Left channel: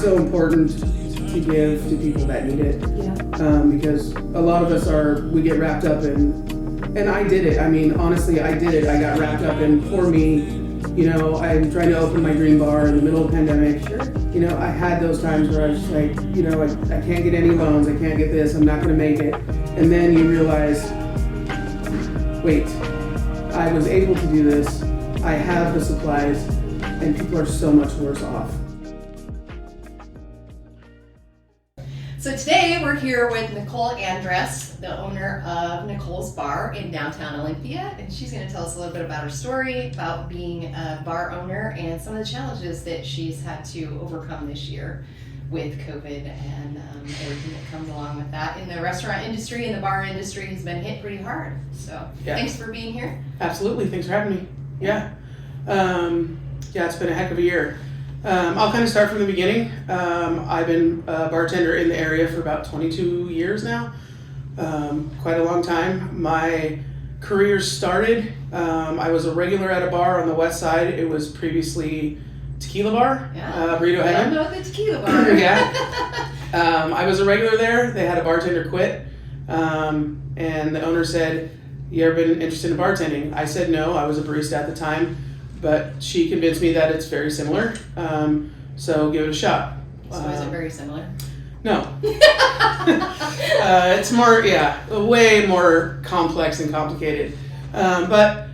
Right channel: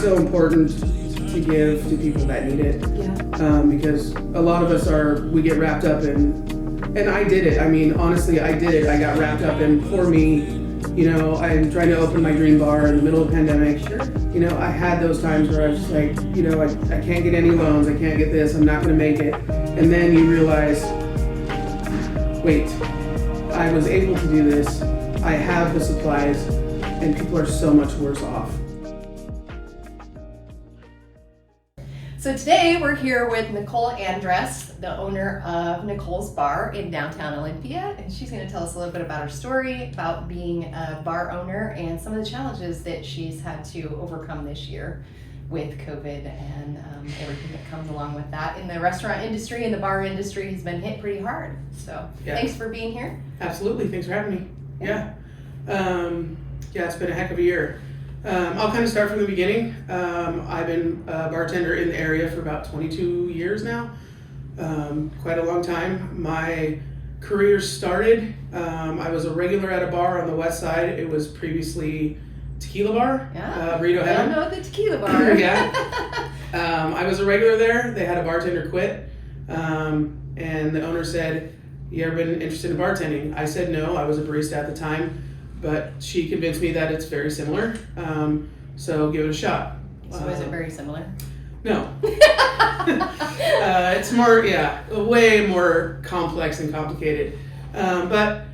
it's so important to give to people that need it. Yeah. Because a lot of us we get wrapped up in, and I did it. I mean, honestly, I did it. I got wrapped up in, for me, I'm trying to open my dream bar in the middle of the pandemic. Sure. I had those times where I was just like, I can't get any loans. I can't get this. I'm not going to make it. And then you realize, wait, I was able to do this. I have the supplies, and people are so much worse off. So today we're here with Nicole Andres, the owner of Nicoles Bar in downtown Olympia, and she's going to tell us a little bit about her story, about being a bar owner, and some of the challenges that she's had to overcome this year with COVID and everything that comes along with that. In the restaurant industry and the bar industry has been hit pretty hard. So Thanks for being here. Absolutely, thanks for having me. Yeah, it's been a heck of a year. I'll kind of start from the beginning. I've been a bartender in the area for about 22 years now, quite a long time. My career started, I was a regular at a bar on the west side. It was previously Tequila Bar, Burrito I don't know the Tequila Bar. Yeah. I was a regular there. They had a bartender quit, and the owner said, "You ever been interested in bartending?" I said no. I was a barista at the time. But she convinced me that it's very similar, so give it a shot. So is it very similar? No. It's more, way more complex and complicated. But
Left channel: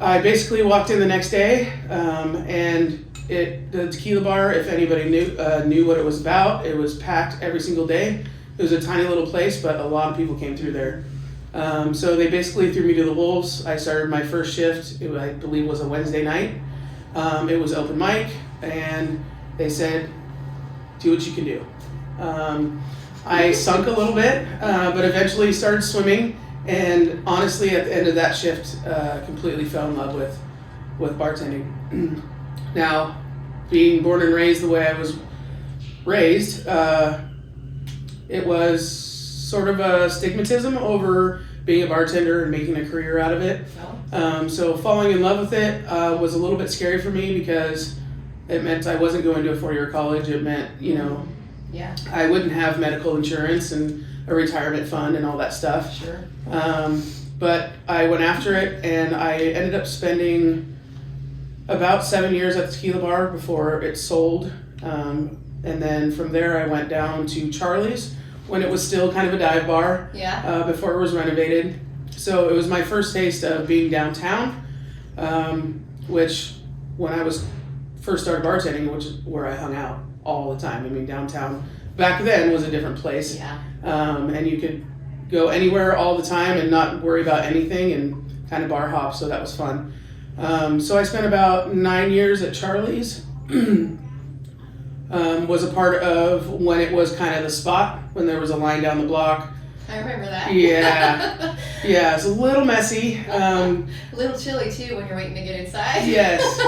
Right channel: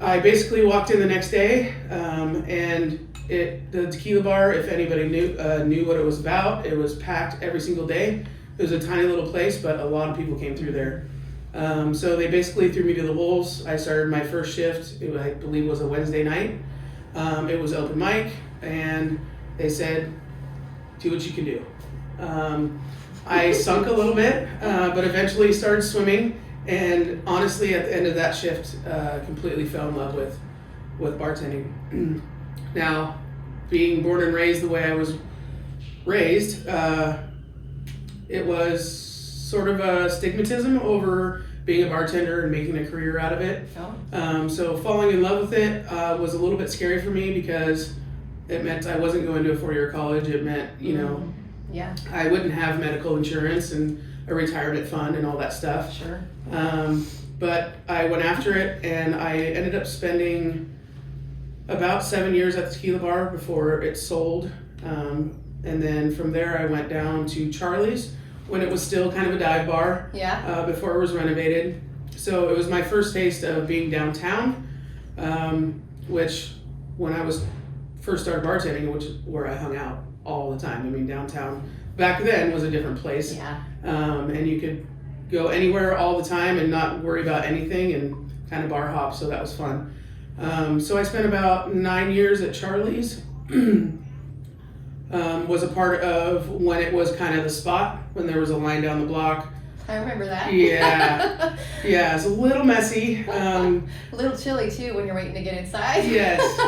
I basically walked in the next day, and the Tequila Bar, if anybody knew what it was about, it was packed every single day. It was a tiny little place, but a lot of people came through there. So they basically threw me to the wolves. I started my first shift, I believe was a Wednesday night. It was open mic, and they said, do what you can do. I sunk a little bit, but eventually started swimming, and honestly at the end of that shift, completely fell in love with bartending. Now, being born and raised the way I was raised, it was sort of a stigmatism over being a bartender and making a career out of it. So falling in love with it was a little bit scary for me because it meant I wasn't going to a 4-year college. It meant, I wouldn't have medical insurance and a retirement fund and all that stuff. Sure. But I went after it, and I ended up spending about 7 years at the Tequila Bar before it sold. And then from there I went down to Charlie's, when it was still kind of a dive bar, before it was renovated. So it was my first taste of being downtown, which when I was first started bartending, which is where I hung out all the time. I mean, downtown back then was a different place. And you could go anywhere all the time and not worry about anything and kind of bar hop, so that was fun. So I spent about 9 years at Charlie's. Was a part of when it was kind of the spot, when there was a line down the block. I remember that. Yeah, it was a little messy. A little chilly too when you're waiting to get inside. Yes,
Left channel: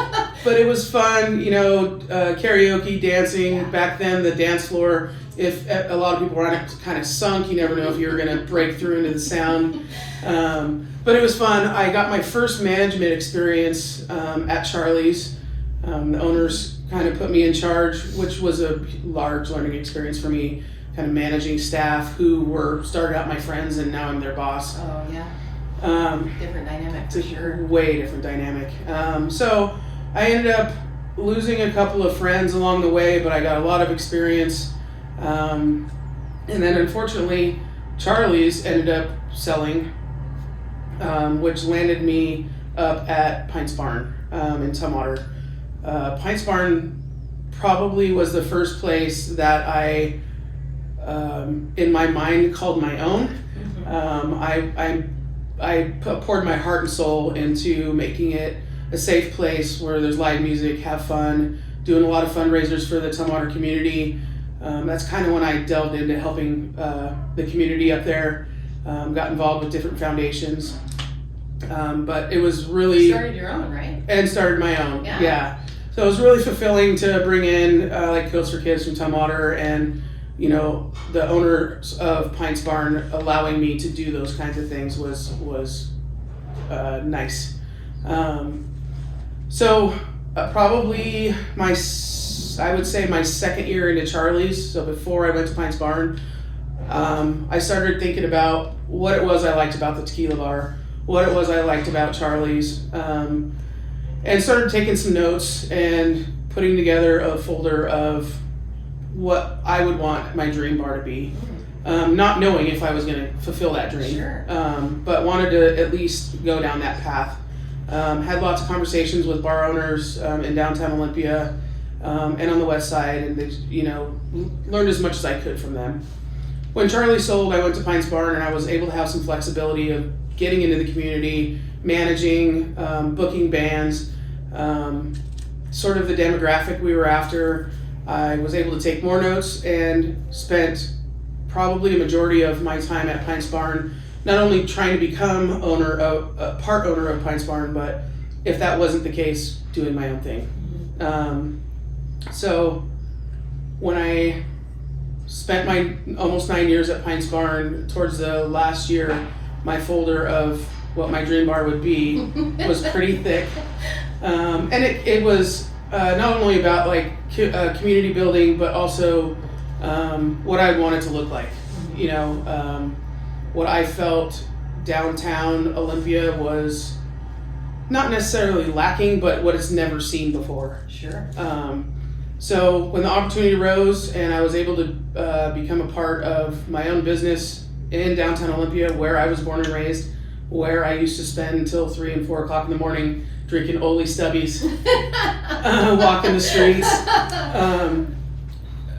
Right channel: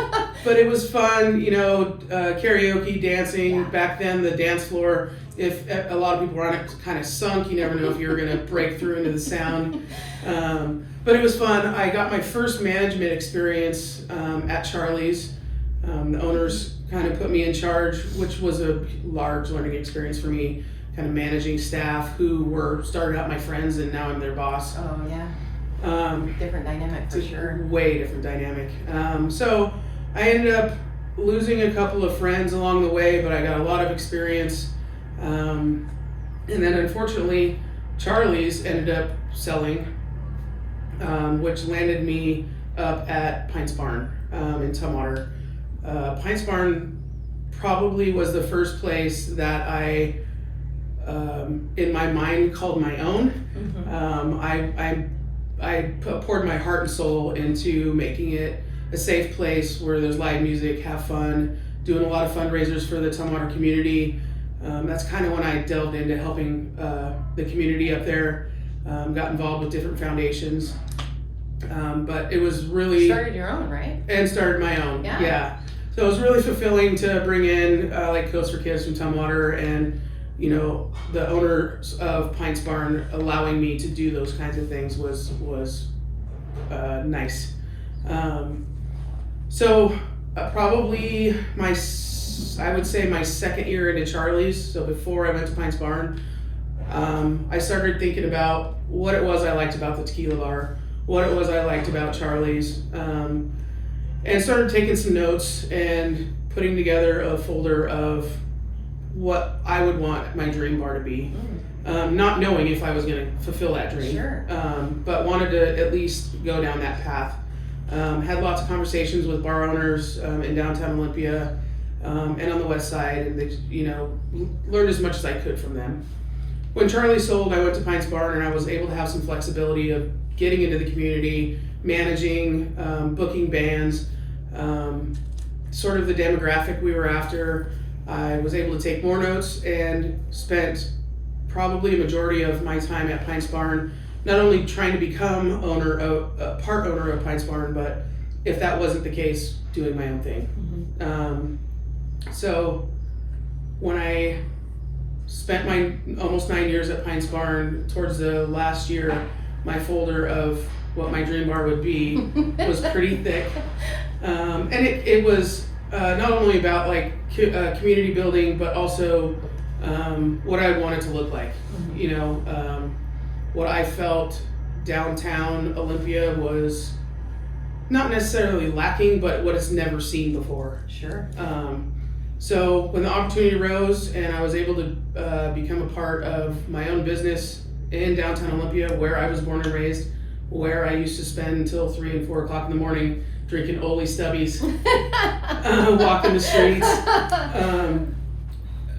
but it was fun, karaoke, dancing. Back then, the dance floor, if a lot of people were on it, kind of sunk. You never know if you were going to break through into the sound. But it was fun. I got my first management experience at Charlie's. The owners kind of put me in charge, which was a large learning experience for me, kind of managing staff who started out my friends, and now I'm their boss. Oh, yeah. Different dynamic for sure. Way different dynamic. So I ended up losing a couple of friends along the way, but I got a lot of experience. And then unfortunately, Charlie's ended up selling, which landed me up at Pints Barn in Tumwater. Pints Barn probably was the first place that I, in my mind, called my own. I poured my heart and soul into making it a safe place where there's live music, have fun, doing a lot of fundraisers for the Tumwater community. That's kind of when I delved into helping the community up there. Got involved with different foundations. But it was really... Started your own, right? And started my own, yeah. So it was really fulfilling to bring in Coats for Kids from Tumwater, and the owners of Pints Barn allowing me to do those kinds of things was nice. So probably my I would say my second year into Charlie's, so before I went to Pines Barn, I started thinking about what it was I liked about the tequila bar, what it was I liked about Charlie's, and started taking some notes and putting together a folder of what I would want my dream bar to be. Not knowing if I was going to fulfill that dream, Sure. But wanted to at least go down that path. Had lots of conversations with bar owners in downtown Olympia and on the west side, and learned as much as I could from them. When Charlie sold, I went to Pines Barn, and I was able to have some flexibility of getting into the community, managing, booking bands, sort of the demographic we were after. I was able to take more notes and spent probably a majority of my time at Pines Barn not only trying to become part owner of Pines Barn, but if that wasn't the case, doing my own thing. So when I spent my almost 9 years at Pines Barn, towards the last year, my folder of what my dream bar would be was pretty thick. And it was not only about like community building, but also what I wanted to look like. What I felt downtown Olympia was not necessarily lacking, but what it's never seen before. Sure. So when the opportunity arose and I was able to become a part of my own business in downtown Olympia, where I was born and raised, where I used to spend until 3 and 4 o'clock in the morning drinking Oli Stubbies, walking the streets.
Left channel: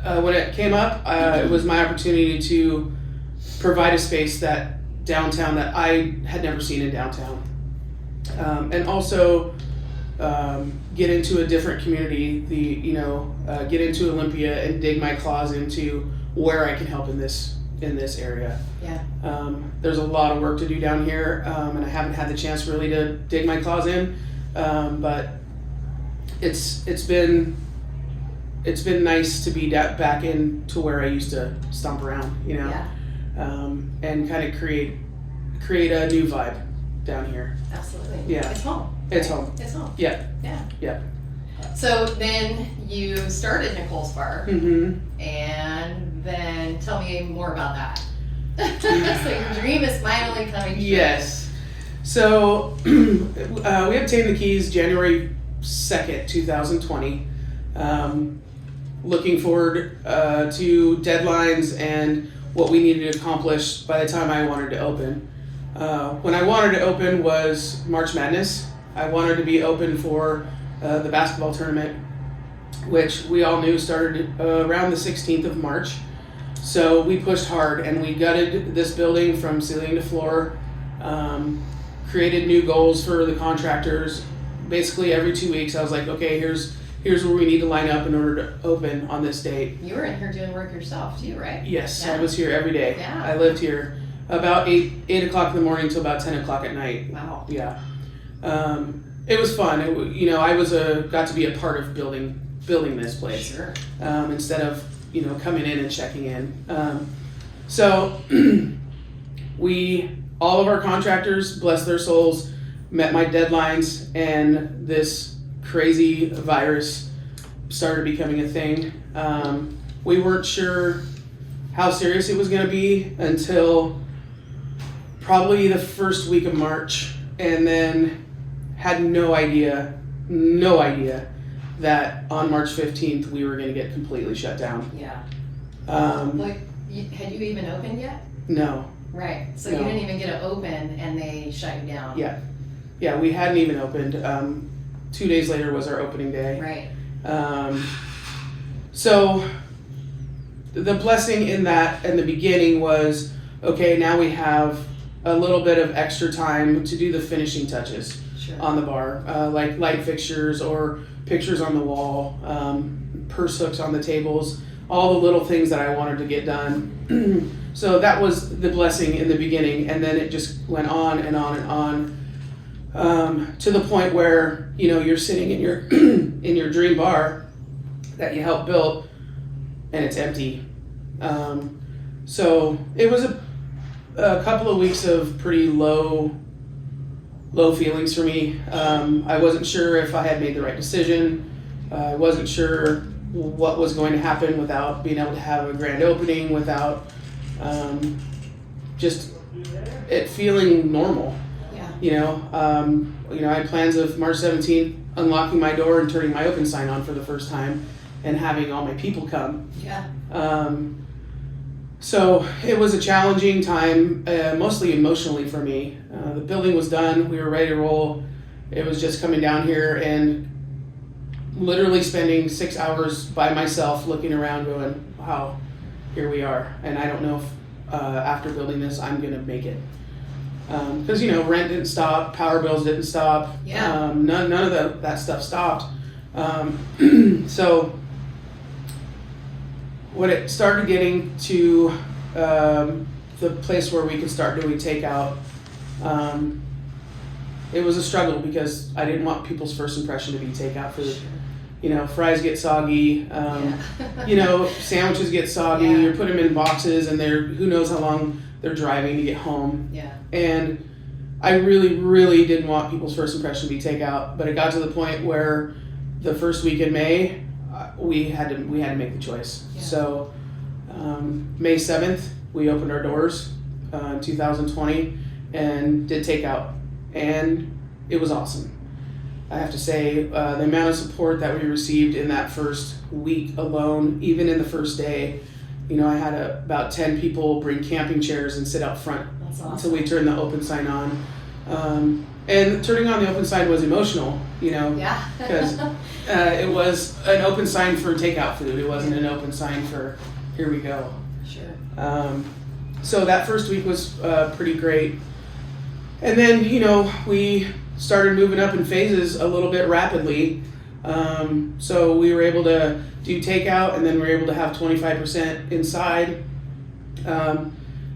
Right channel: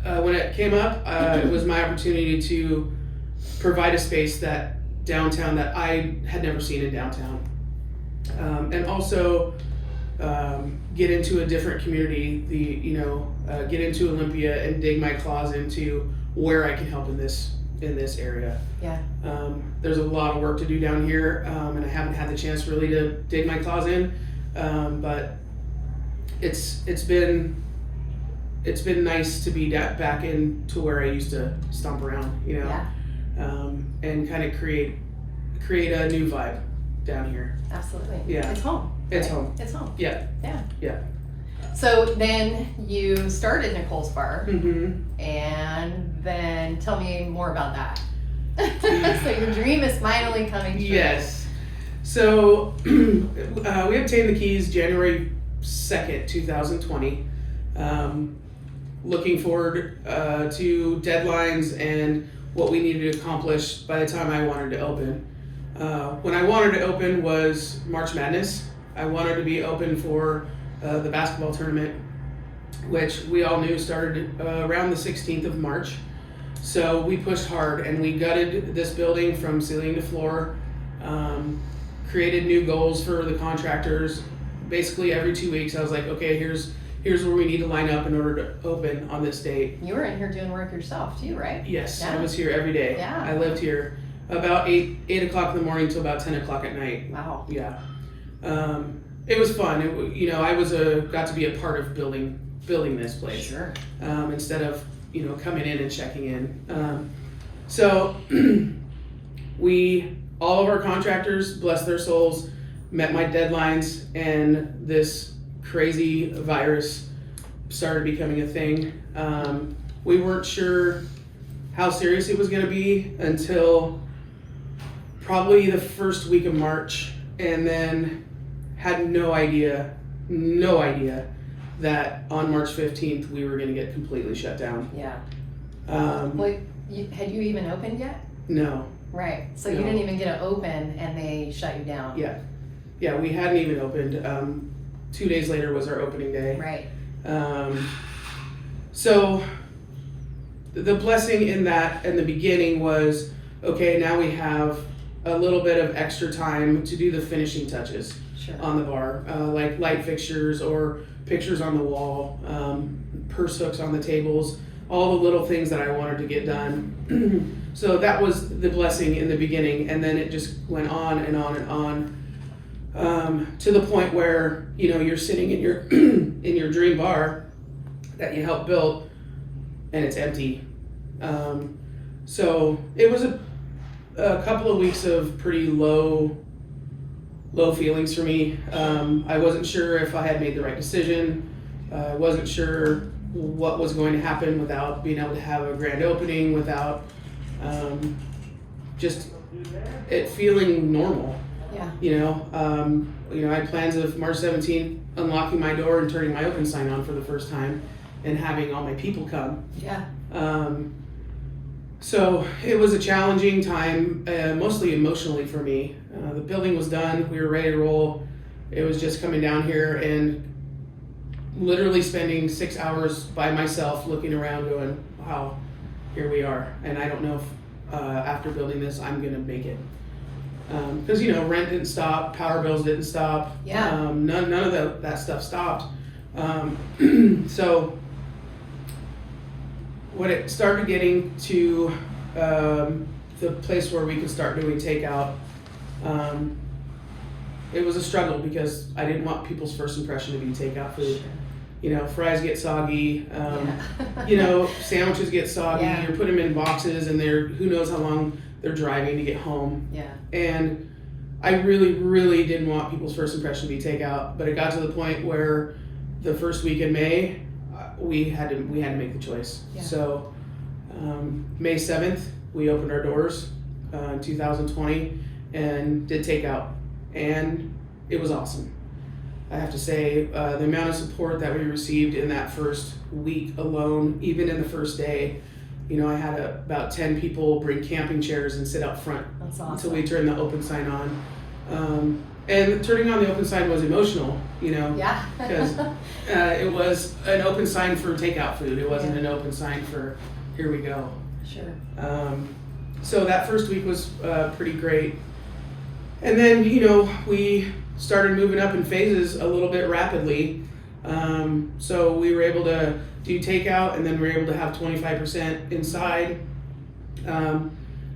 When it came up, it was my opportunity to provide a space that I had never seen in downtown. And also get into a different community, get into Olympia and dig my claws into where I can help in this area. Yeah. There's a lot of work to do down here, and I haven't had the chance really to dig my claws in, but it's been nice to be back into where I used to stomp around, Yeah. And kind of create a new vibe down here. Absolutely. Yeah. It's home. It's right? home. It's home. Yeah. Yeah. Yeah. So then you started Nicoles Bar, Mm-hmm. and then tell me more about that. So your dream is finally coming true. Yes. So we obtained the keys January 2nd, 2020. Looking forward to deadlines and what we needed to accomplish by the time I wanted to open. When I wanted to open was March Madness. I wanted to be open for the basketball tournament, which we all knew started around the 16th of March. So we pushed hard and we gutted this building from ceiling to floor, created new goals for the contractors. Basically every 2 weeks I was like, okay, here's where we need to line up in order to open on this date. You were in here doing work yourself too, right? Yes, Yeah. I was here every day. Yeah. I lived here about 8 o'clock in the morning till about 10 o'clock at night. Wow. Yeah. It was fun. I was got to be a part of building this place. Sure. Instead of coming in and checking in. So all of our contractors, bless their souls, met my deadlines, and this crazy virus started becoming a thing. We weren't sure how serious it was going to be until probably the first week of March, and then had no idea that on March 15th we were going to get completely shut down. Yeah. Like, Had you even opened yet? No. Right. So No. you didn't even get to open, and they shut you down. Yeah, we hadn't even opened. 2 days later was our opening day. Right. So the blessing in the beginning was, okay, now we have a little bit of extra time to do the finishing touches Sure. on the bar, like light fixtures or pictures on the wall, purse hooks on the tables, all the little things that I wanted to get done. So that was the blessing in the beginning, and then it just went on and on and on, to the point where you're sitting in your in your dream bar that you helped build, and it's empty. So it was a couple of weeks of pretty low feelings for me. I wasn't sure if I had made the right decision. I wasn't sure what was going to happen without being able to have a grand opening, without just it feeling normal. Yeah. I had plans of March 17th unlocking my door and turning my open sign on for the first time and having all my people come. Yeah. So it was a challenging time, mostly emotionally for me. The building was done, we were ready to roll. It was just coming down here and literally spending 6 hours by myself looking around going, wow, here we are. And I don't know if after building this, I'm gonna make it. Because rent didn't stop, power bills didn't stop. Yeah. None of that stuff stopped. So when it started getting to the place where we could start doing takeout, it was a struggle because I didn't want people's first impression to be takeout food. Fries get soggy, sandwiches get soggy, Yeah. you put them in boxes and who knows how long they're driving to get home. Yeah. And I really, really didn't want people's first impression to be takeout, but it got to the point where the first week in May, we had to make the choice. Yeah. So May 7th, we opened our doors in 2020 and did takeout, and it was awesome. I have to say, the amount of support that we received in that first week alone, even in the first day, I had about 10 people bring camping chairs and sit out front. That's awesome. Until we turned the open sign on. And turning on the open sign was emotional, Yeah. because it was an open sign for takeout food. It wasn't an open sign for here we go. Sure. So that first week was pretty great. And then, we started moving up in phases a little bit rapidly. So we were able to do takeout, and then we were able to have 25% inside.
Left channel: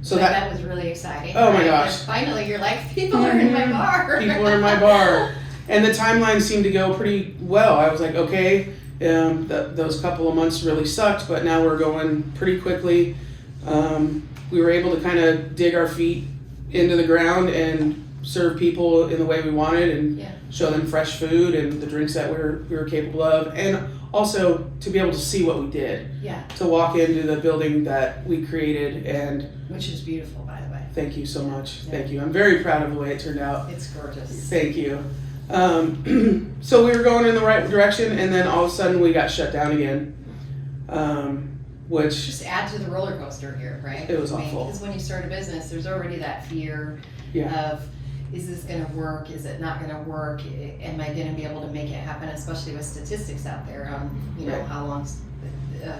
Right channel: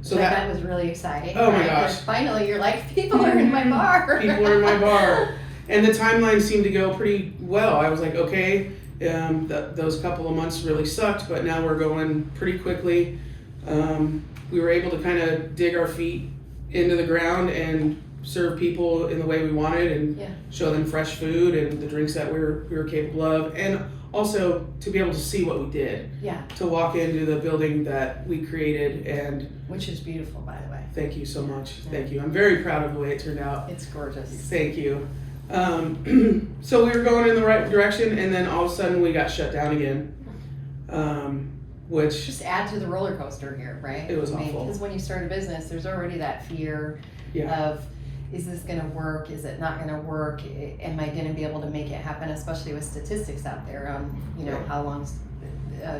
So that was really exciting. Oh my right? gosh. 'Cause finally, you're like, people are in my bar. People are in my bar. And the timeline seemed to go pretty well. I was like, okay, those couple of months really sucked, but now we're going pretty quickly. We were able to kind of dig our feet into the ground and serve people in the way we wanted and show them fresh food and the drinks that we were capable of. And also to be able to see what we did. Yeah. To walk into the building that we created, and which is beautiful, by the way. thank you so much. Thank you. I'm very proud of the way it turned out. It's gorgeous. Thank you. So we were going in the right direction, and then all of a sudden we got shut down again, which just add to the roller coaster here, right? It was awful. Because when you start a business, there's already that fear of, is this going to work? Is it not going to work? Am I going to be able to make it happen? Especially with statistics out there on, how long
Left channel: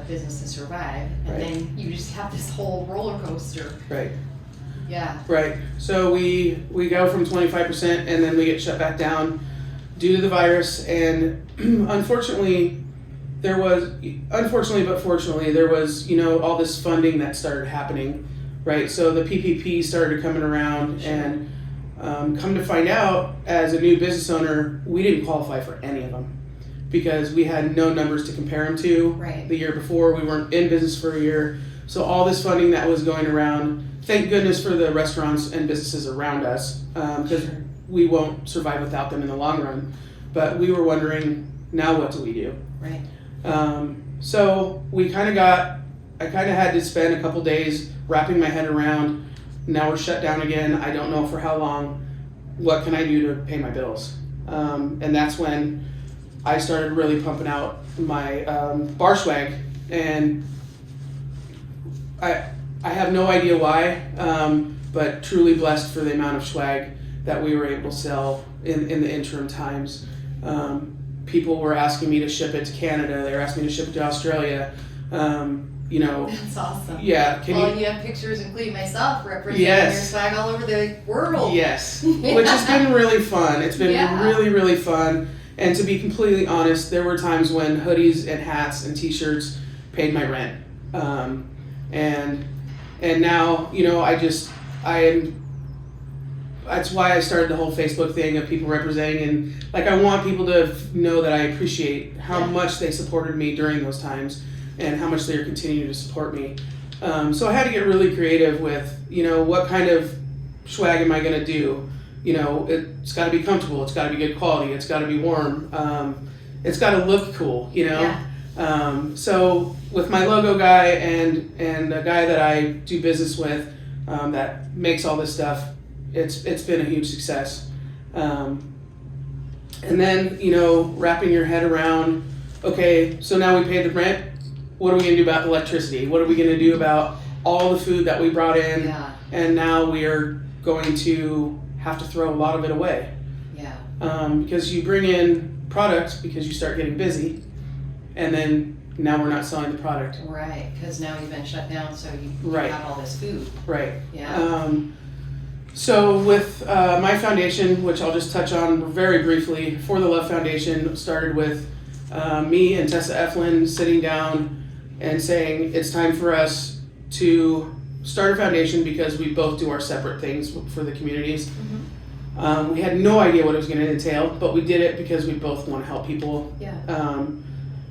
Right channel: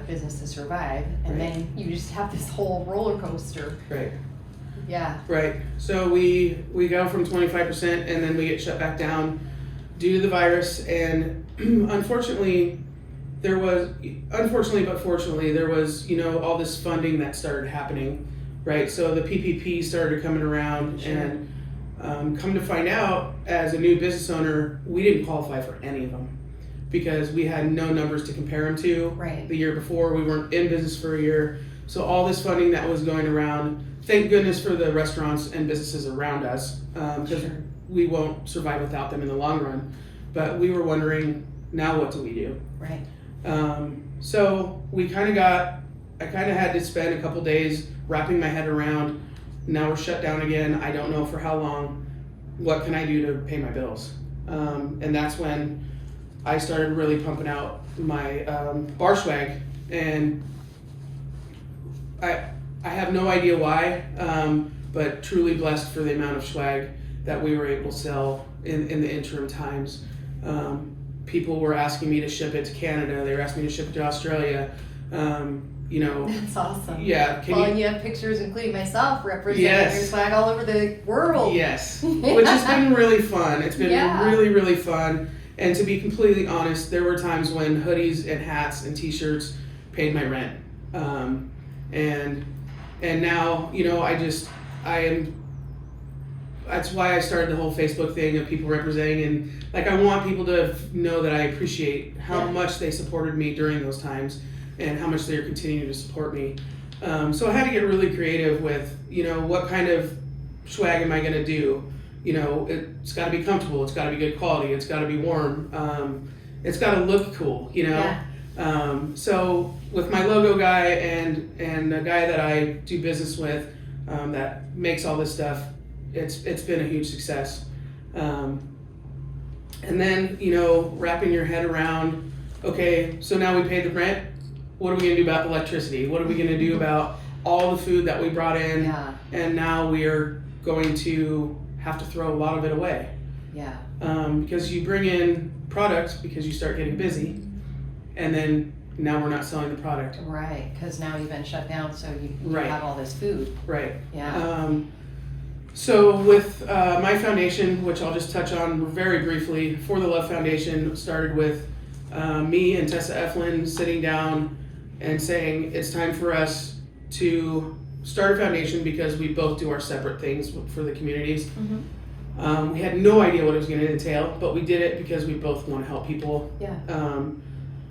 business to survive, and then you just have this whole roller coaster. Right. Yeah. Right. So we go from 25%, and then we get shut back down due to the virus, and unfortunately but fortunately, there was, all this funding that started happening, right? So the PPP started coming around, and come to find out, as a new business owner, we didn't qualify for any of them because we had no numbers to compare them to. Right. The year before, we weren't in business for a year. So all this funding that was going around, thank goodness for the restaurants and businesses around us, because we won't survive without them in the long run. But we were wondering, now what do we do? Right. So I kind of had to spend a couple days wrapping my head around, now we're shut down again, I don't know for how long, what can I do to pay my bills? And that's when I started really pumping out my bar swag, and I have no idea why, but truly blessed for the amount of swag that we were able to sell in the interim times. People were asking me to ship it to Canada, they were asking me to ship it to Australia. That's awesome. Yeah. You have pictures, including myself, representing your swag all over the world. Yes, which has been really fun. It's been really, really fun. And to be completely honest, there were times when hoodies and hats and t-shirts paid my rent. And now, that's why I started the whole Facebook thing of people representing, and I want people to know that I appreciate how much they supported me during those times and how much they're continuing to support me. So I had to get really creative with, what kind of swag am I gonna do? It's gotta be comfortable, it's gotta be good quality, it's gotta be warm, it's gotta look cool, So with my logo guy and a guy that I do business with that makes all this stuff, it's been a huge success. And then, wrapping your head around, okay, so now we paid the rent. What are we going to do about electricity? What are we going to do about all the food that we brought in? Yeah. And now we are going to have to throw a lot of it away. Yeah. Because you bring in product because you start getting busy, and then now we're not selling the product. Right, because now you've been shut down, so you Right. have all this food. Right. Yeah. So with my foundation, which I'll just touch on very briefly, For the Love Foundation started with me and Tessa Eflin sitting down and saying it's time for us to start a foundation because we both do our separate things for the communities. Mm-hmm. We had no idea what it was going to entail, but we did it because we both want to help people. Yeah.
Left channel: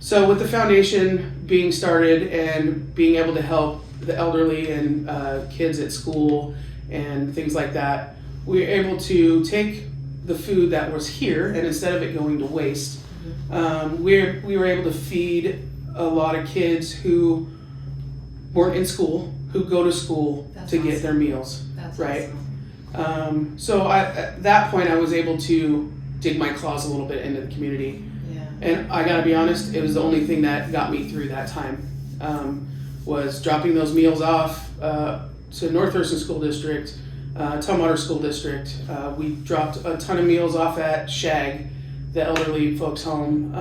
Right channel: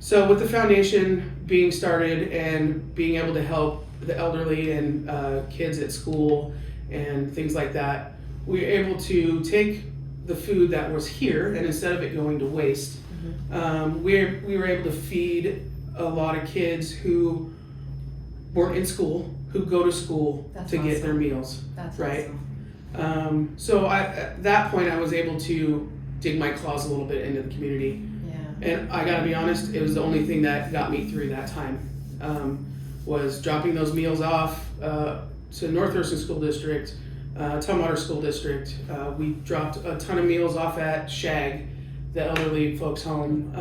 So with the foundation being started and being able to help the elderly and kids at school and things like that, we were able to take the food that was here, and instead of it going to waste, we were able to feed a lot of kids who weren't in school, who go to school That's to get awesome. their meals. That's Right. awesome. So at that point, I was able to dig my claws a little bit into the community. Yeah. And I gotta be honest, it was the only thing that got me through that time, was dropping those meals off to North Thurston School District, Tumwater School District. We dropped a ton of meals off at Shag, the elderly folks' home,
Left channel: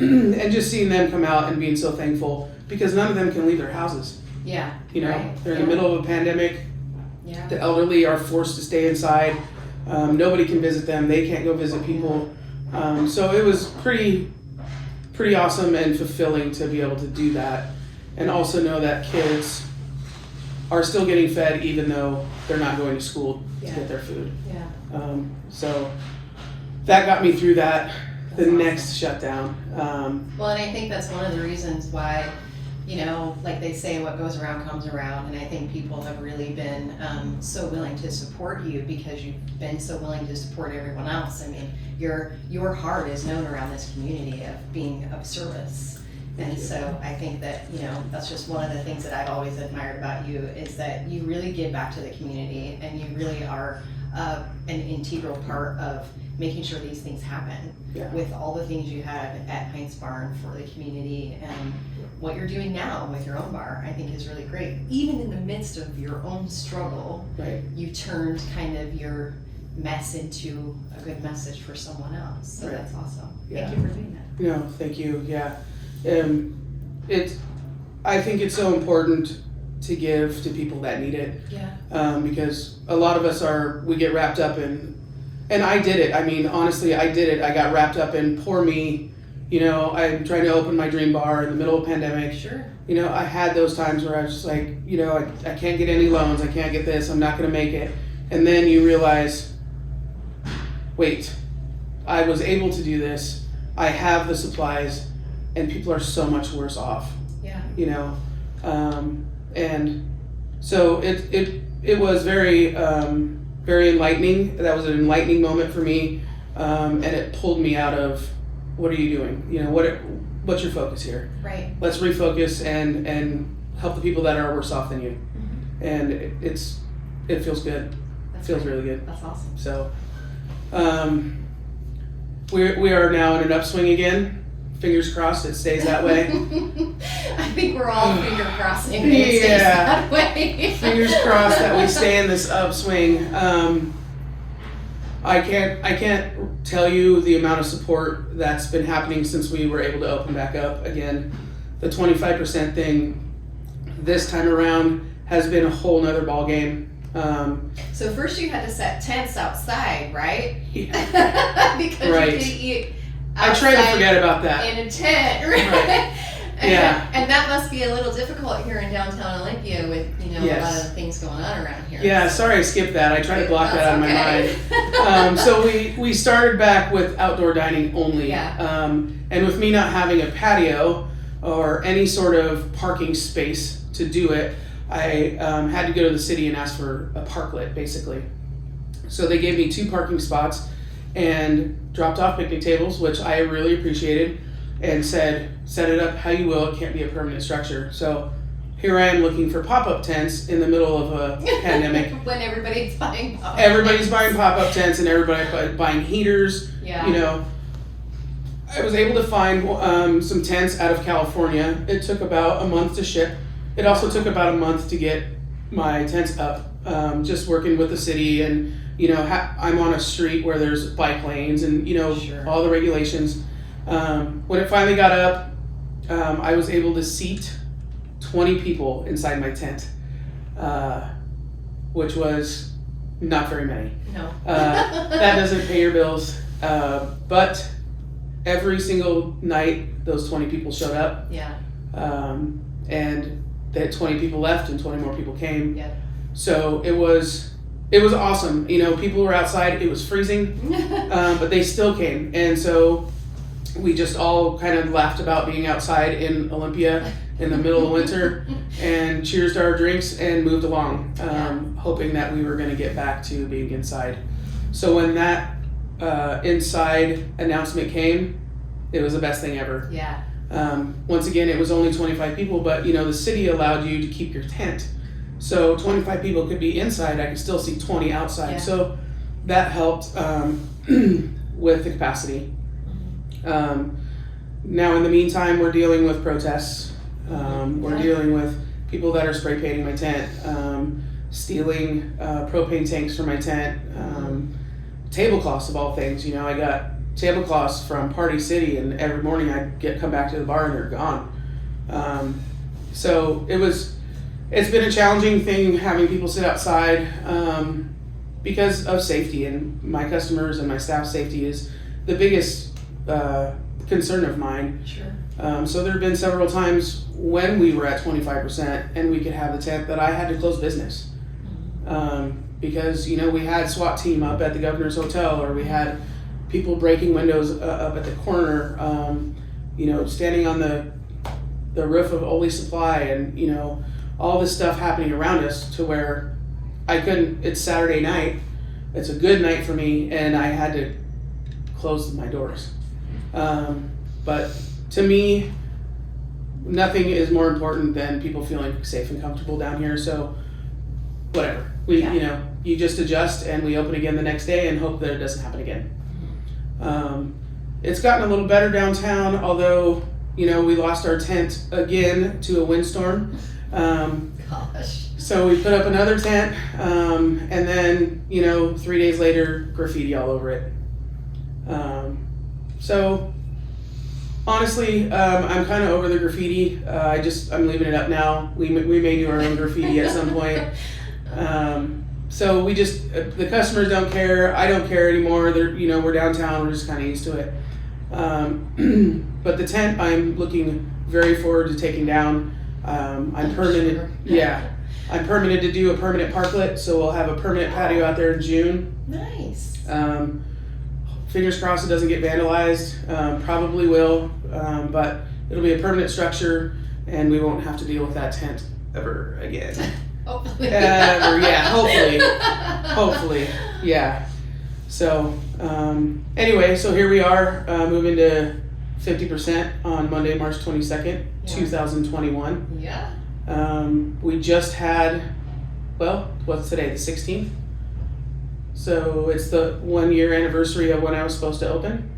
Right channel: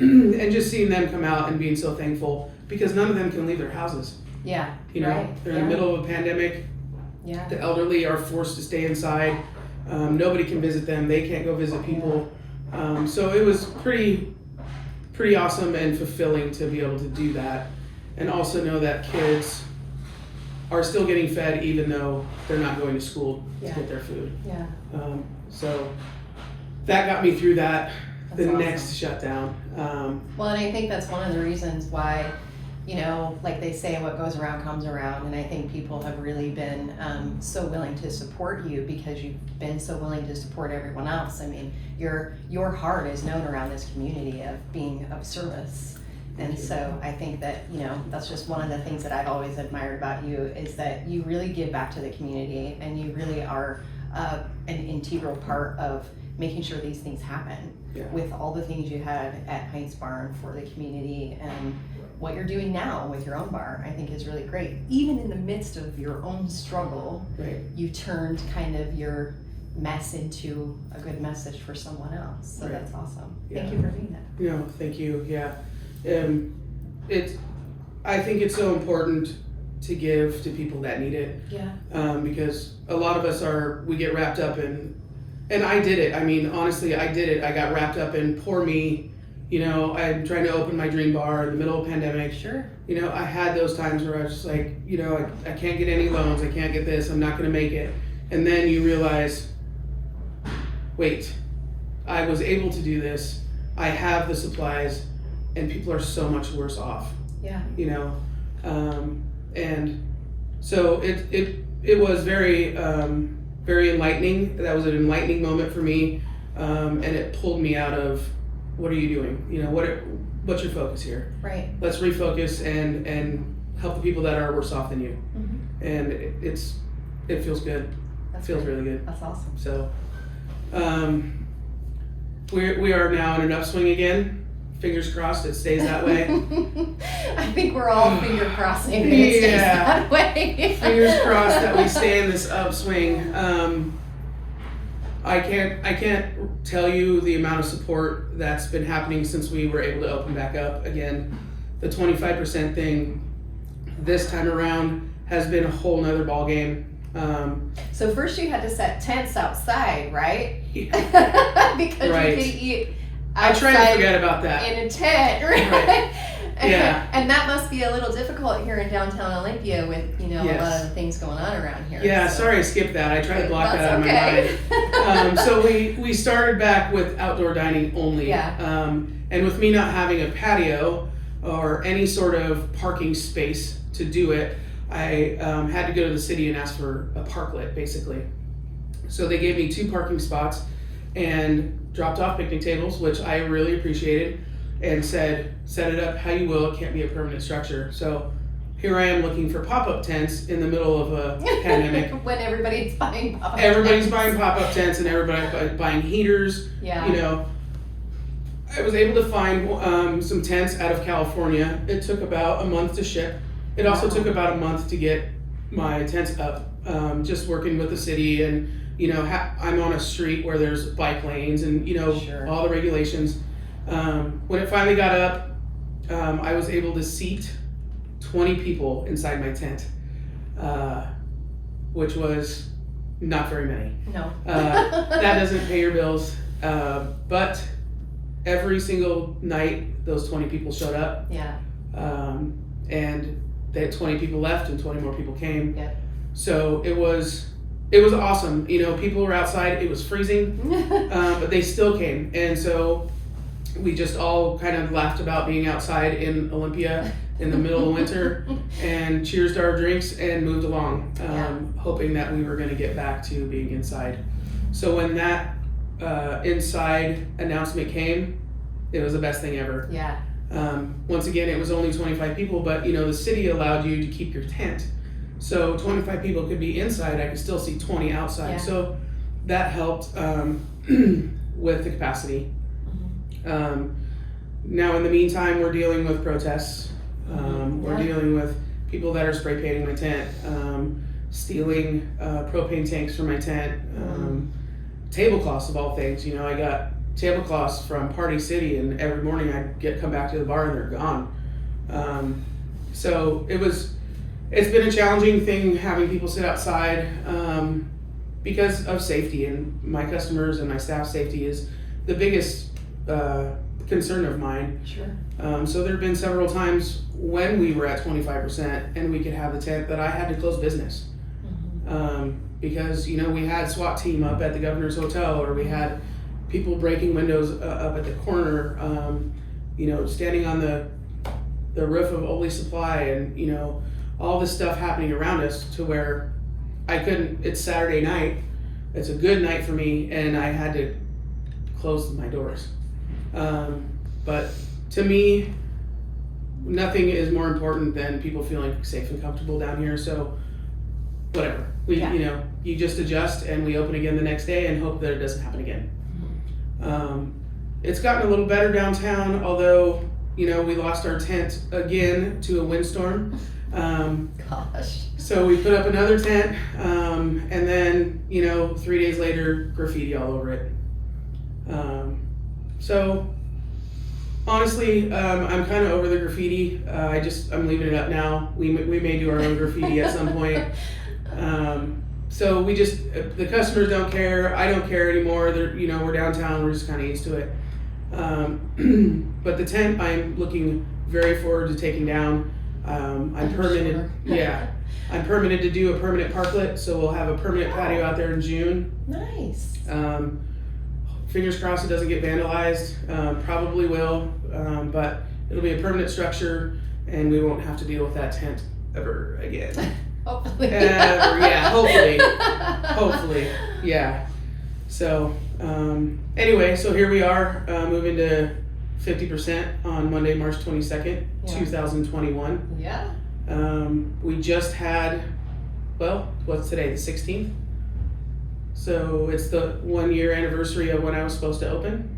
and just seeing them come out and being so thankful because none of them can leave their houses. Yeah. They're in Yeah. the middle of a pandemic. Yeah. The elderly are forced to stay inside. Nobody can visit them. They can't go visit people. So it was pretty awesome and fulfilling to be able to do that, and also know that kids are still getting fed even though they're not going to school to Yeah. get their food. Yeah. So that got me through that. That's The awesome. next shutdown. Well, and I think that's one of the reasons why, like they say, what goes around comes around. And I think people have really been so willing to support you because you've been so willing to support everyone else. I mean, your heart is known around this community of being of service. And so I think that, that's just one of the things that I've always admired about you is that you really give back to the community and you really are an integral part of making sure these things happen. Yeah. With all the things you had at Heinz Barn for the community and what you're doing now with your own bar, I think is really great. Even in the midst of your own struggle, Right. you turned kind of your mess into a good message for someone else. So Right. that's awesome. Yeah. Thank you for doing that. No, thank you. Yeah. I think it's so important to give to people that need it. Yeah. Because a lot of us we get wrapped up in, and I did it. I mean, honestly, I did it. I got wrapped up in poor me. I'm trying to open my dream bar in the middle of a pandemic. Sure. I had those times where I was just like, I can't get any loans. I can't get this. I'm not going to make it. And then you realize, wait, I was able to do this. I have the supplies, and people are so much worse off. Yeah. And so it was very very enlightening. That was an enlightening moment for me, and it pulled me out of what are you doing? What's your focus here? Right. Let's refocus and help the people that are worse off than you. Mm-hmm. And it feels good. That's Feels great. really good. That's awesome. So we are now in an upswing again. Fingers crossed it stays that way. I think we're all finger crossing that it stays that way. Fingers crossed that we stay in this upswing. I can't tell you the amount of support that's been happening since we were able to open back up again. The 25% thing this time around has been a whole nother ball game. So first you had to set tents outside, right? Yeah. Because Right. you could eat I try to forget about that. in a tent, right? Right. Yeah. And that must be a little difficult here in downtown Olympia with, a lot Yes. of the things going on around here. Yeah, So- sorry I skipped that. I try to block That's that out of okay. my mind. So we started back with outdoor dining only. Yeah. And with me not having a patio or any sort of parking space to do it, I had to go to the city and ask for a parklet, basically. So they gave me 2 parking spots and dropped off picnic tables, which I really appreciated. and said, set it up how you will, it can't be a permanent structure. So here I am looking for pop-up tents in the middle of a pandemic. When everybody's buying pop-up Everybody's tents. buying pop-up tents and everybody's buying heaters. Yeah. You know, I was able to find some tents out of California. It took about a month to ship. It also took about a month to get my tents up. Just working with the city, and you know, I'm on a street where there's bike lanes and you know Sure. all the regulations. When it finally got up, I was able to seat 20 people inside my tent, which was not very many. No. That doesn't pay your bills, but every single night those 20 people showed up. Yeah. And they had 20 people left and 20 more people came. Yep. So it was awesome. You know, people were outside, it was freezing, but they still came. And so we just all kind of laughed about being outside in Olympia in the middle of winter and cheers to our drinks and moved along, hoping that we were going to get back to being inside. So when that inside announcement came, it was the best thing ever. Yeah. Once again, it was only 25 people, but you know, the city allowed you to keep your tent. So 25 people could be inside, I could still see 20 outside. Yeah. So that helped with the capacity. Now in the meantime, we're dealing with protests. We're dealing with people that are spray painting my tent, stealing propane tanks from my tent, tablecloths of all things. You know, I got tablecloths from Party City, and every morning I'd come back to the bar and they're gone. So it's been a challenging thing having people sit outside because of safety, and my customers and my staff's safety is the biggest concern of mine. Sure. So there have been several times when we were at 25% and we could have the tent that I had to close business. Because, you know, we had SWAT team up at the Governor's Hotel, or we had people breaking windows up at the corner, you know, standing on the roof of Oli Supply, and, you know, all this stuff happening around us to where it's Saturday night, it's a good night for me, and I had to close my doors. But to me, nothing is more important than people feeling safe and comfortable down here. So whatever, you know, you just adjust and we open again the next day and hope that it doesn't happen again. It's gotten a little better downtown, although, you know, we lost our tent again to a windstorm. Gosh. So we put up another tent, and then, you know, 3 days later, graffiti all over it. So honestly, I'm kind of over the graffiti. I'm leaving it up now. We may do our own graffiti at some point. So the customers don't care. I don't care anymore. You know, we're downtown. We're just kind of used to it. But the tent, I'm looking very forward to taking down. I'm permitted. Sure. Yeah, I'm permitted to do a permanent parklet, so we'll have a permanent patio out there in June. Nice. Fingers crossed it doesn't get vandalized. Probably will, but it'll be a permanent structure, and we won't have to deal with that tent ever again. Hopefully. Hopefully, yeah. So anyway, so here we are, moving to 50% on Monday, March 22nd, 2021. Yeah. We just had, well, what's today, the 16th? So it's the 1 year anniversary of when I was supposed to open.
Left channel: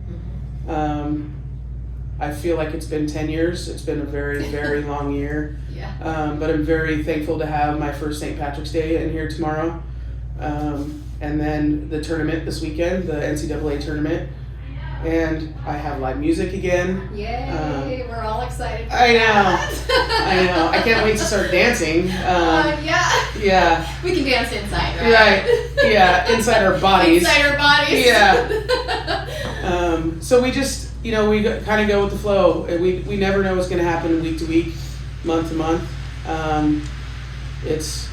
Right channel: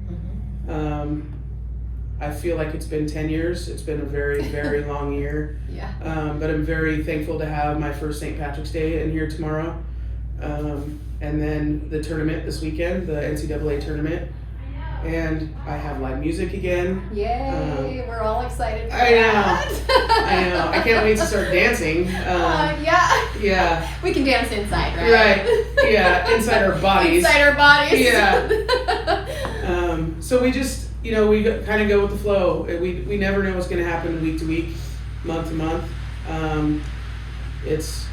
I feel like it's been 10 years. It's been a very, very long year. Yeah. But I'm very thankful to have my first St. Patrick's Day in here tomorrow. And then the tournament this weekend, the NCAA tournament. And I have live music again. Yay, we're all excited for I know. that. I know. I can't wait to start dancing. Yeah. We can dance inside, right? Right. Yeah, inside our bodies. Inside our bodies. Yeah. So we just, you know, we kind of go with the flow. We never know what's going to happen week to week, month to month. It's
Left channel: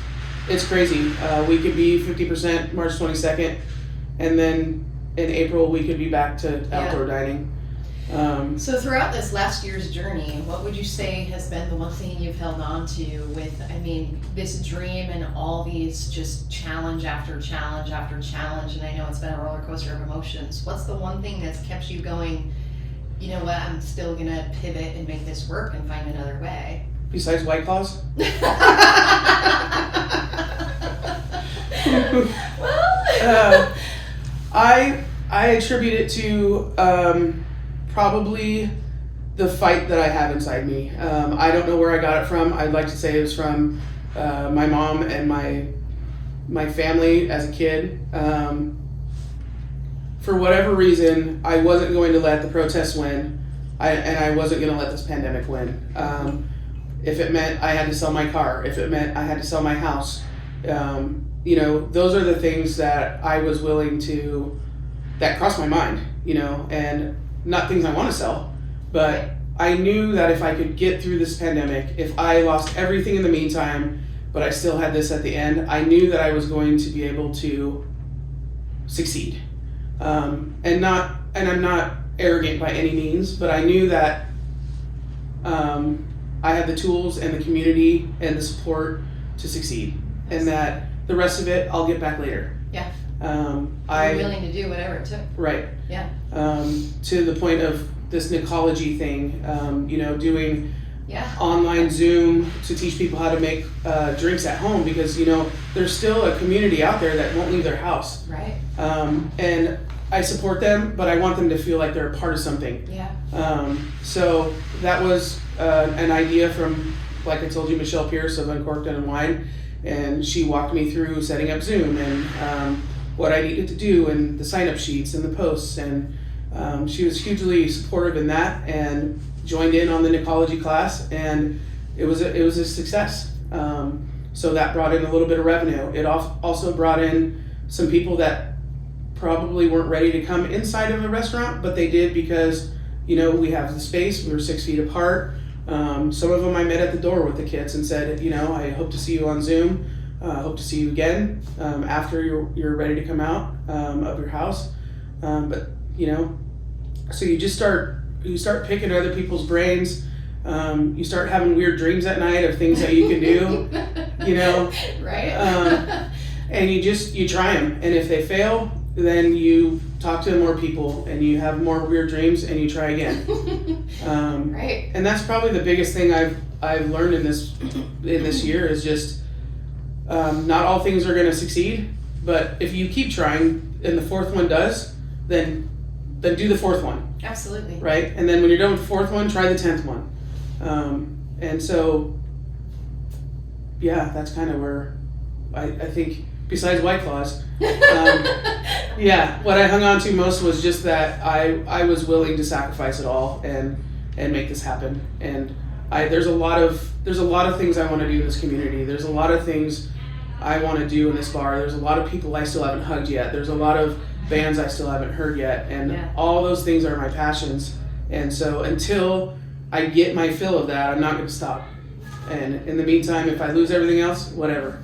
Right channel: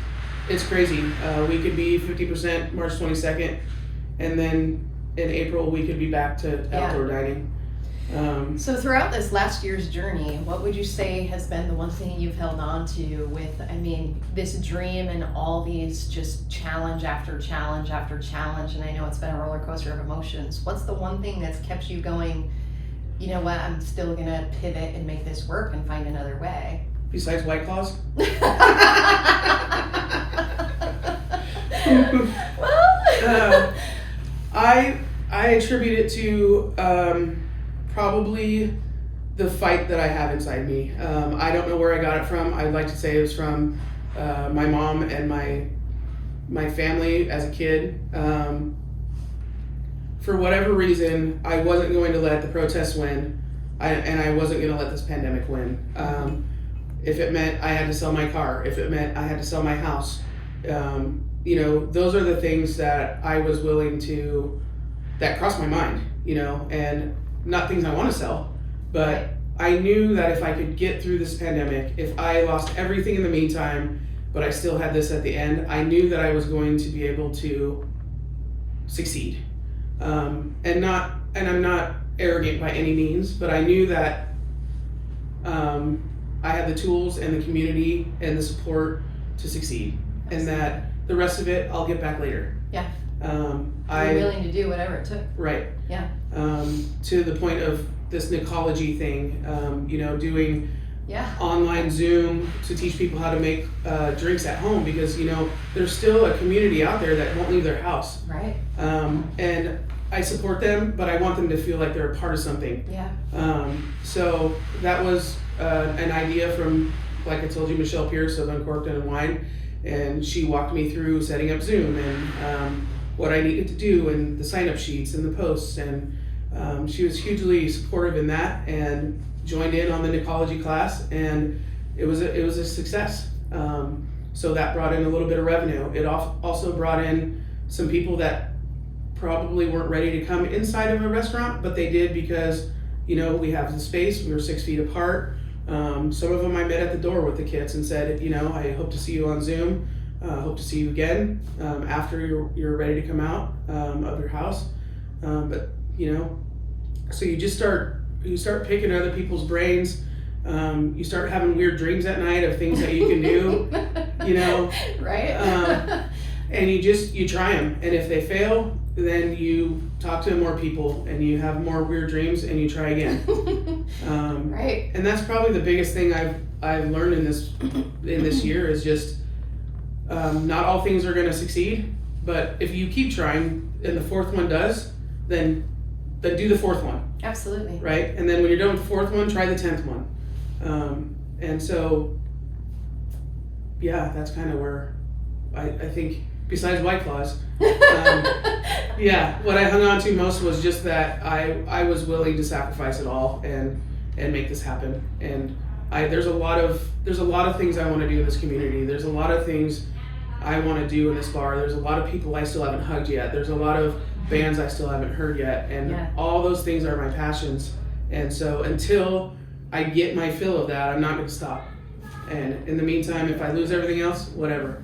crazy. We could be 50% March 22nd, and then in April we could be back to outdoor dining. So throughout this last year's journey, what would you say has been the one thing you've held on to with, I mean, this dream and all these just challenge after challenge after challenge, and I know it's been a roller coaster of emotions. What's the one thing that's kept you going you know what, I'm still gonna pivot and make this work and find another way? Besides White Claws? Well, I attribute it to probably the fight that I have inside me. I don't know where I got it from. I'd like to say it was from my mom and my family as a kid. For whatever reason, I wasn't going to let the protests win, and I wasn't going to let this pandemic win. If it meant I had to sell my car, if it meant I had to sell my house, you know, those are the things that I was willing to, that crossed my mind, you know, and not things I want to sell, but right. I knew that if I could get through this pandemic, if I lost everything in the meantime, but I still had this at the end, I knew that I was going to be able to succeed. And I'm not arrogant by any means, but I knew that I had the tools and the community and the support to succeed, and that the rest of it I'll get back later. Yeah. I'm willing to do whatever it took. Right. Yeah. To the point of this Nicology thing, you know, doing online Zoom to teach people how to make drinks at home, because, you know, there's still a community out there that won't leave their house. Right. And I support them, but I want them to feel like they're a part of something. Yeah. So that was an idea from, like I told you, Michelle Pierce of Uncorked and Unwind, and she walked me through setting up Zoom and what I needed to do and the sign-up sheets and the posts, and she was hugely supportive in that and joined in on the Nicology class, and it was a success. So that brought in a little bit of revenue. It also brought in some people that probably weren't ready to come inside of a restaurant, but they did because, you know, we have the space, we were 6 feet apart. Some of them I met at the door with the kids and said, you know, I hope to see you on Zoom. Hope to see you again after you're ready to come out of your house. But, you know, so you start picking other people's brains. You start having weird dreams at night of things that you can do, you know. Right. And you try them, and if they fail, then you talk to more people and you have more weird dreams and you try again. Right. And that's probably the biggest thing I've learned in this year is just not all things are going to succeed, but if you keep trying and the fourth one does, then do the fourth one. Absolutely. Right? And then when you're done with the fourth one, try the 10th one. And so, yeah, that's kind of where I think, besides White Claws, yeah, what I hung on to most was just that I was willing to sacrifice it all and make this happen. And there's a lot of things I want to do in this community. There's a lot of things I want to do in this bar. There's a lot of people I still haven't hugged yet. There's a lot of bands I still haven't heard yet. And all those things are my passions. And so until I get my fill of that, I'm not going to stop. And in the meantime, if I lose everything else, whatever.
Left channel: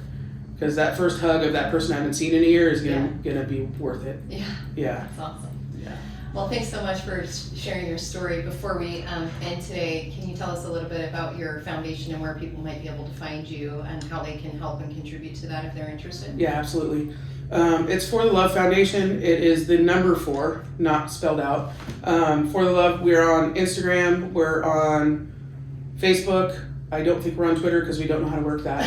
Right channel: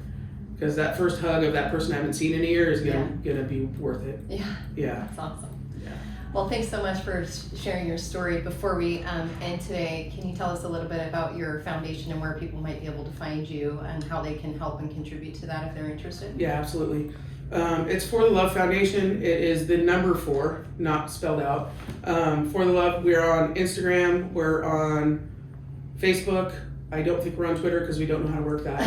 Because that first hug of that person I haven't seen in a year is gonna be worth it. Yeah. Yeah. That's awesome. Yeah. Well, thanks so much for sharing your story. Before we end today, can you tell us a little bit about your foundation and where people might be able to find you and how they can help and contribute to that if they're interested? Yeah, absolutely. It's For the Love Foundation. It is the number 4, not spelled out. For the Love. We're on Instagram. We're on Facebook. I don't think we're on Twitter because we don't know how to work that.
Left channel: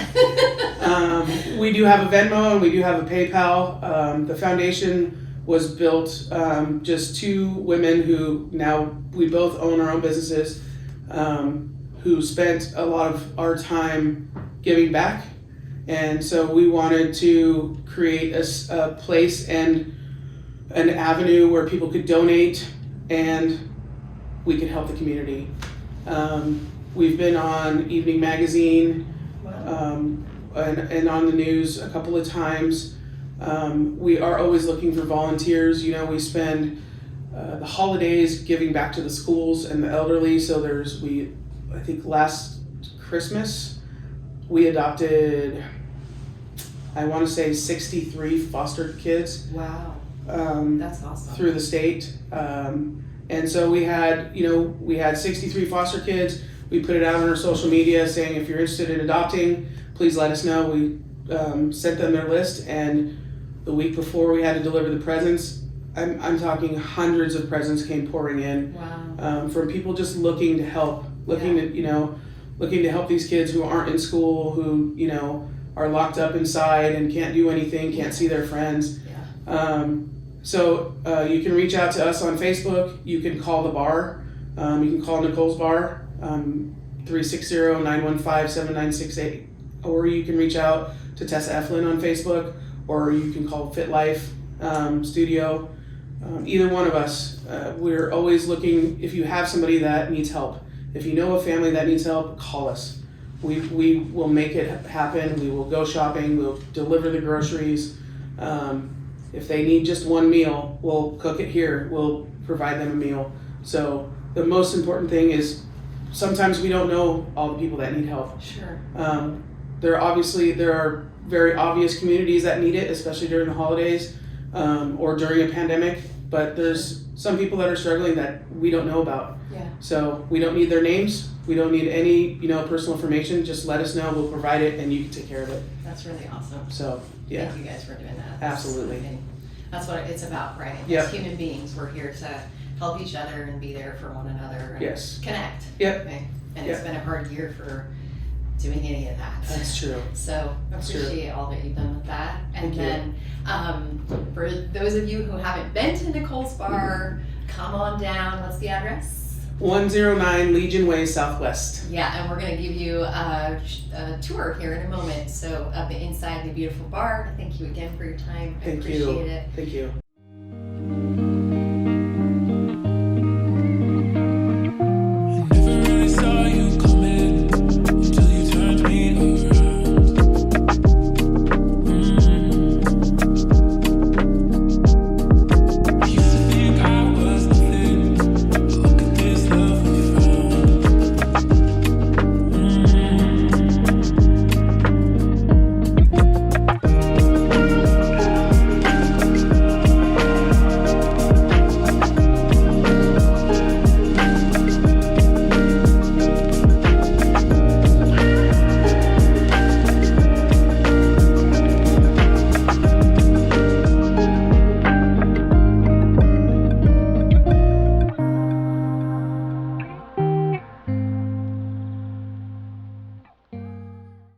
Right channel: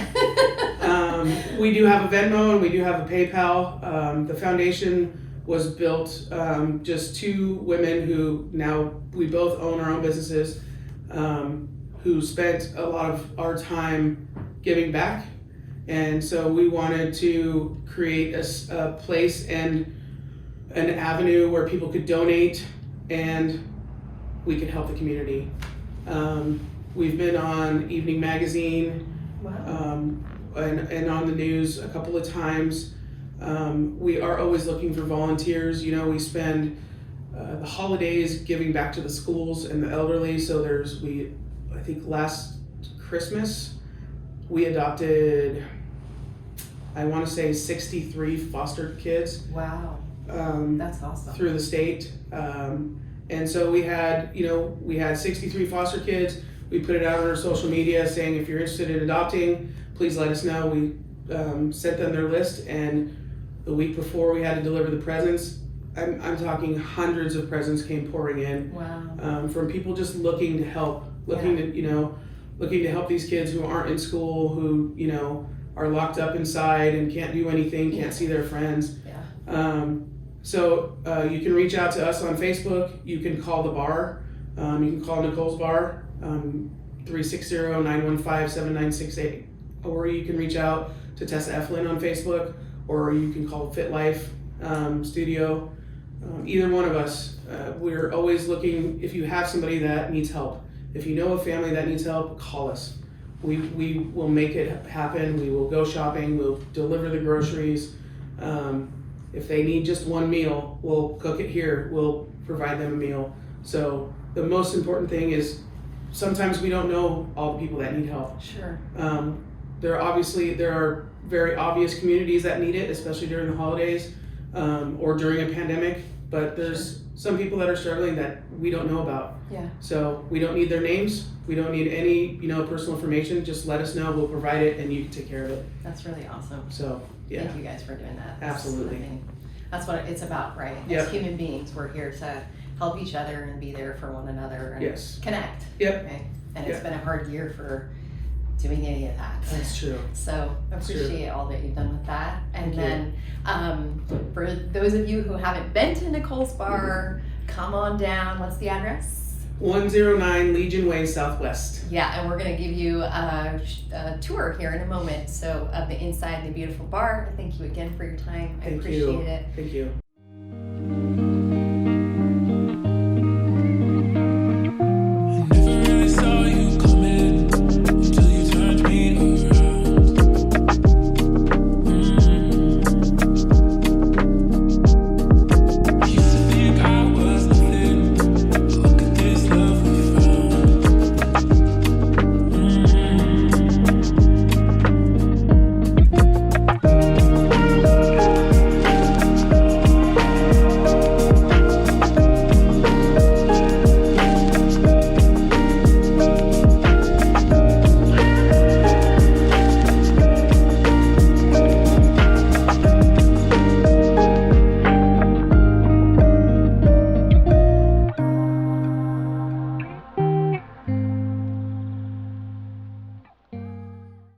We do have a Venmo and we do have a PayPal. The foundation was built just 2 women who now we both own our own businesses, who spent a lot of our time giving back. And so we wanted to create a place and an avenue where people could donate and we could help the community. We've been on Evening Magazine. Wow. And on the news a couple of times. We are always looking for volunteers. You know, we spend the holidays giving back to the schools and the elderly. So I think last Christmas, we adopted, I want to say 63 foster kids. Wow. That's awesome. Through the state. And so we had 63 foster kids. We put it out on our social media saying, if you're interested in adopting, please let us know. We sent them their list, and the week before we had to deliver the presents, I'm talking hundreds of presents came pouring in. Wow. From people just looking to help, looking to help these kids who aren't in school, who are locked up inside and can't do anything, can't see their friends. Yeah. So you can reach out to us on Facebook. You can call the bar. You can call Nicoles Bar, 360-915-7968, or you can reach out to Tessa Eflin on Facebook, or you can call Fit Life Studio. Either one of us. We're always looking. If you have somebody that needs help, if you know a family that needs help, call us. We will make it happen. We will go shopping. We'll deliver the groceries. If they need just one meal, we'll cook it here. We'll provide them a meal. So the most important thing is sometimes we don't know all the people that need help. Sure. There are very obvious communities that need it, especially during the holidays or during a pandemic. But there's some people that are struggling that we don't know about. Yeah. So we don't need their names. We don't need any personal information. Just let us know. We'll provide it, and you can take care of it. That's really awesome. So yeah. Thank you guys for doing that. Absolutely. That's what it's about, right? Yep. As human beings, we're here to help each other and be there for one another and Yes. connect. Yep. Right? And Yep. it's been a hard year for doing any of that. That's true. So That's true. appreciate all that you've done with that. And Thank then for those of you who haven't been to Nicoles Bar, come on down. What's the address? 109 Legion Way Southwest. Yeah, and we're going to give you a tour here in a moment. So of the inside of the beautiful bar. Thank you again for your time. I Thank appreciate you. it. Thank you.